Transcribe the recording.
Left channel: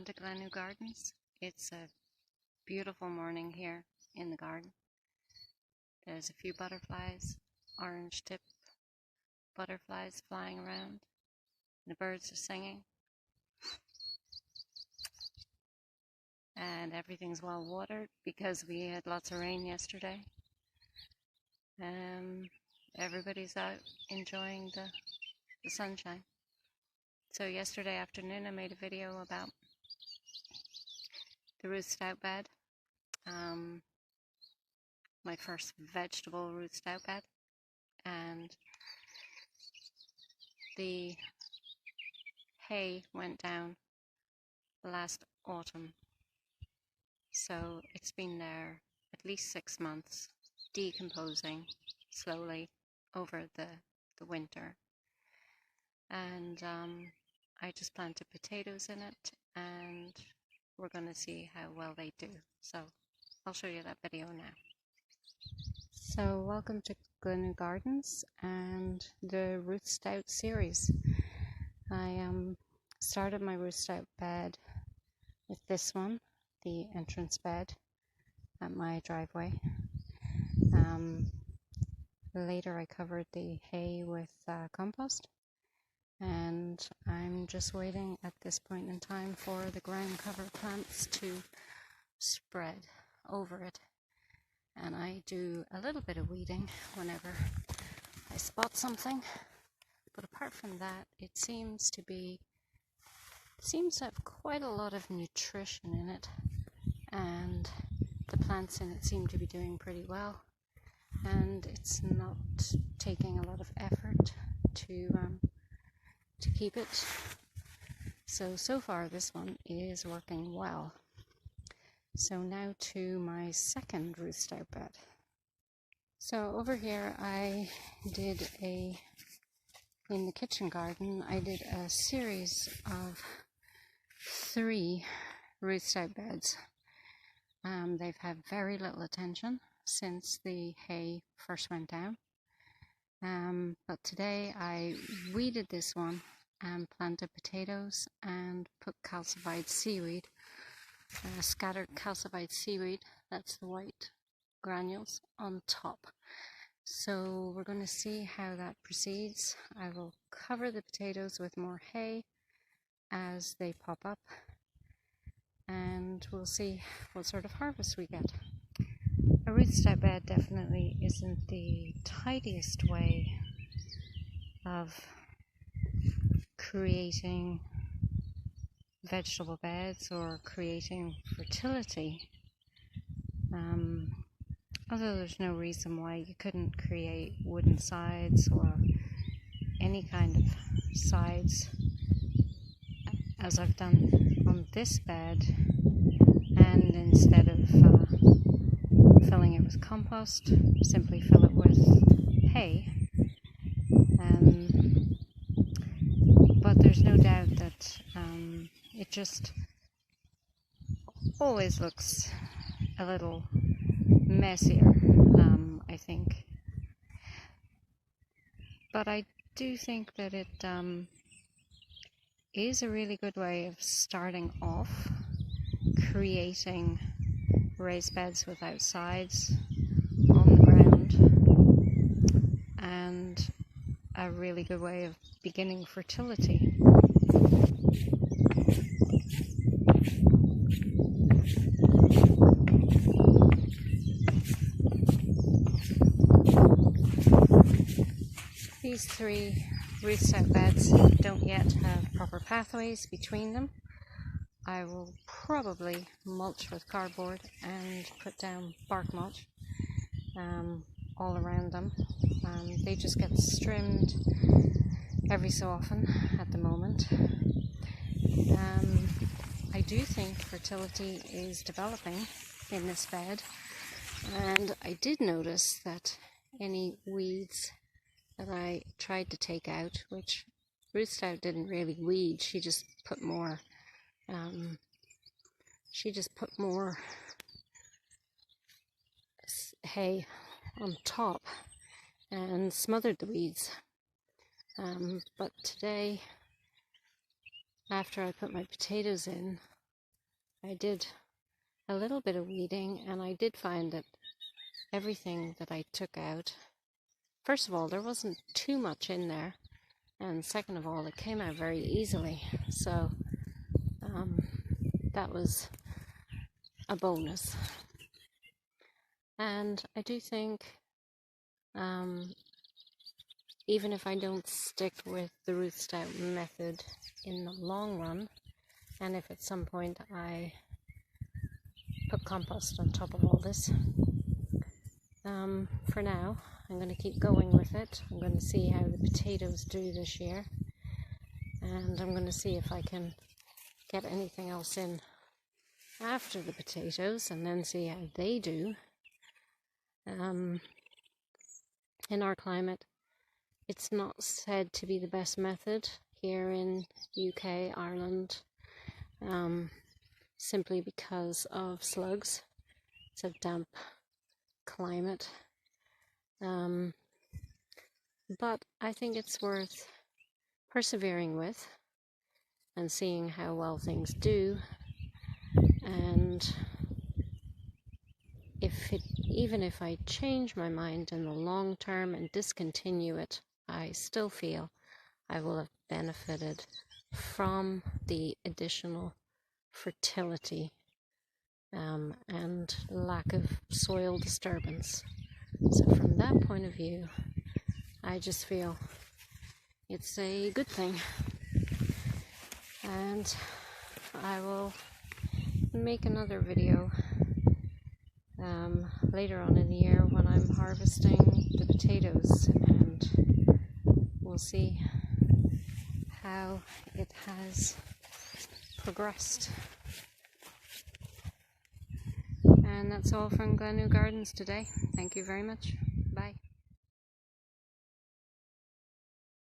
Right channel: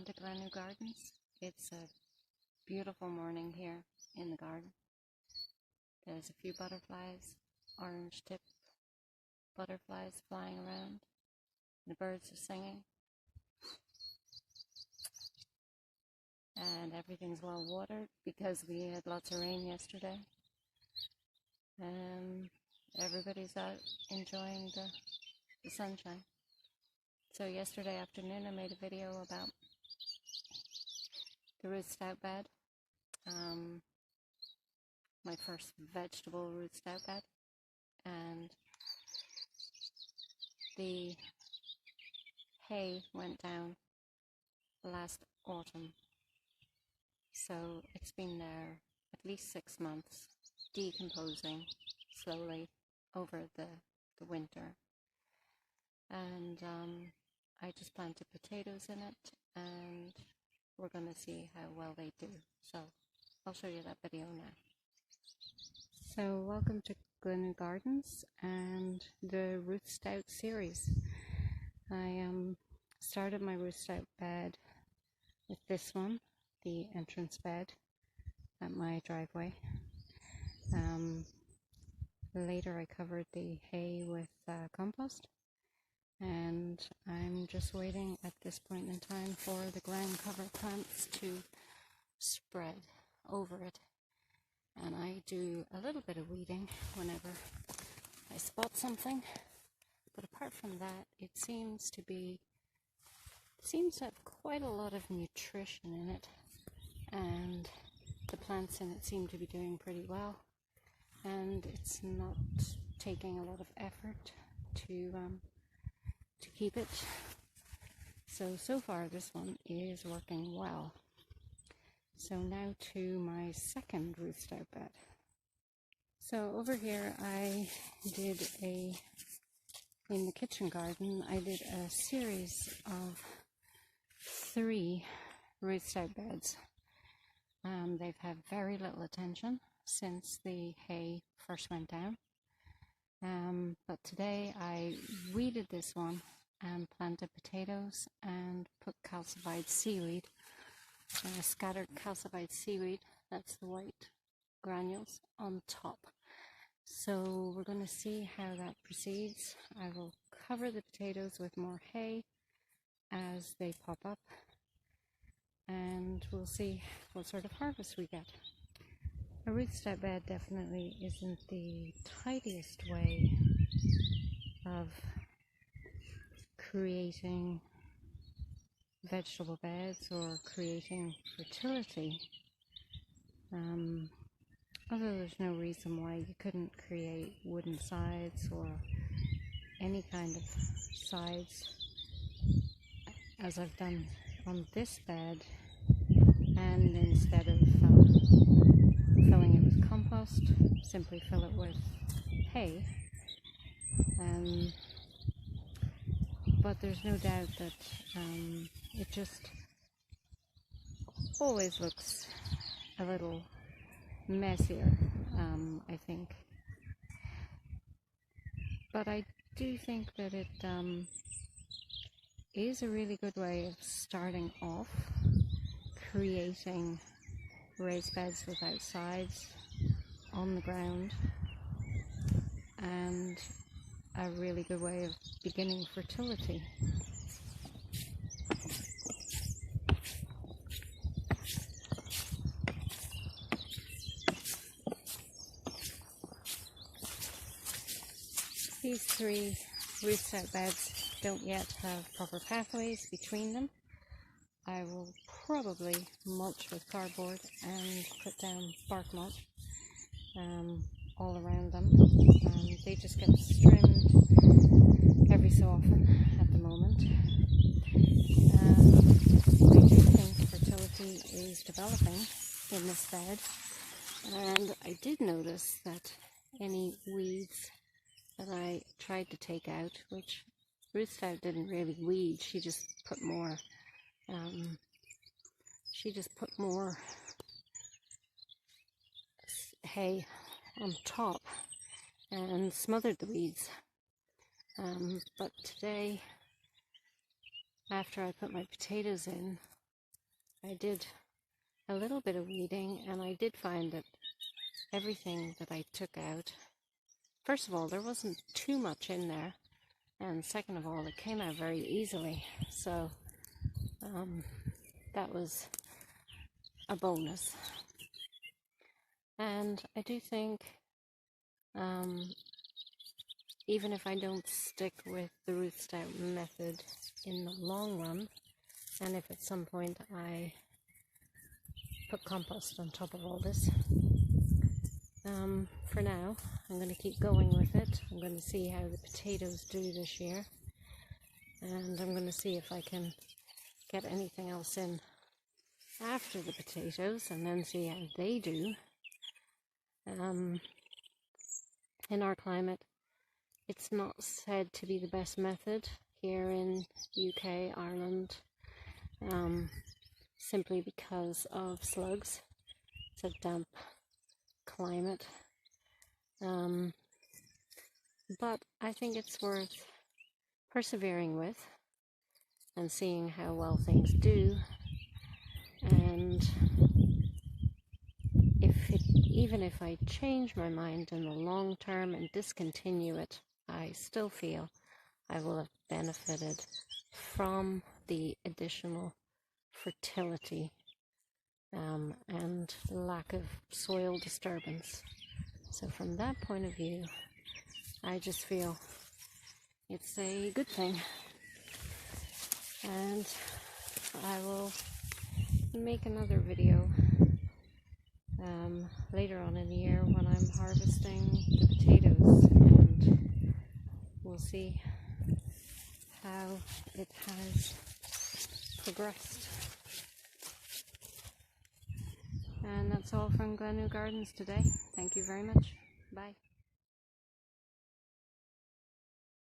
Welcome to Glen Gardens. It's a beautiful morning here in the garden. There's a few butterflies, orange tip butterflies flying around. The birds are singing. And everything's well watered because we had lots of rain yesterday. Everybody's out enjoying the sunshine. So yesterday afternoon I made a video about the Ruth Stout bed. My first vegetable Ruth Stout bed, and the hay went down last autumn, so it's been there at least 6 months, decomposing slowly over the winter, and I just planted potatoes in it, and we're going to see how well they do. So I'll show you that video now. So welcome to Glen Gardens and the Ruth Stout series. I started my Ruth Stout bed with this one, the entrance bed at my driveway. Later I covered the hay with compost, and I'm just waiting at this point in time for the ground cover plants to spread over it. And I do a little bit of weeding whenever I spot something, but apart from that, it seems to have quite a lot of nutrition in it, and the plants in it seem to be doing pretty well, and it's not taking a lot of effort to keep it. So far this one is working well. So now to my second Ruth Stout bed. So over here in the kitchen garden, I did a series of 3 Ruth Stout beds. They've had very little attention since the hay first went down. But today I weeded this one and planted potatoes and put calcified seaweed. Scattered calcified seaweed, that's the white granules, on top. So we're going to see how that proceeds. I will cover the potatoes with more hay as they pop up, and we'll see what sort of harvest we get. A Ruth Stout bed definitely isn't the tidiest way of creating vegetable beds or creating fertility, although there's no reason why you couldn't create wooden sides or any kind of sides as I've done on this bed, and instead of filling it with compost, simply fill it with hay. But there's no doubt that it just always looks a little messier, I think. But I do think that it is a really good way of starting off creating raised beds without sides on the ground, and a really good way of beginning fertility. These 3 Ruth Stout beds don't yet have proper pathways between them. I will probably mulch with cardboard and put down bark mulch all around them. They just get trimmed every so often at the moment. I do think fertility is developing in this bed, and I did notice that any weeds that I tried to take out, which Ruth Stout didn't really weed, she just put more hay on top and smothered the weeds. But today, after I put my potatoes in, I did a little bit of weeding, and I did find that everything that I took out, first of all, there wasn't too much in there, and second of all, it came out very easily. So that was a bonus. And I do think even if I don't stick with the Ruth Stout method in the long run, and if at some point I put compost on top of all this, for now I'm going to keep going with it. I'm going to see how the potatoes do this year, and I'm going to see if I can get anything else in after the potatoes, and then see how they do. In our climate, it's not said to be the best method here in UK, Ireland, simply because of slugs. It's a damp climate. But I think it's worth persevering with and seeing how well things do. And even if I change my mind in the long term and discontinue it, I still feel I will have benefited from the additional fertility and lack of soil disturbance. So from that point of view, I just feel it's a good thing. And I will make another video later on in the year when I'm harvesting the potatoes, and we'll see how it has progressed. And that's all from Glenue Gardens today. Thank you very much. Bye.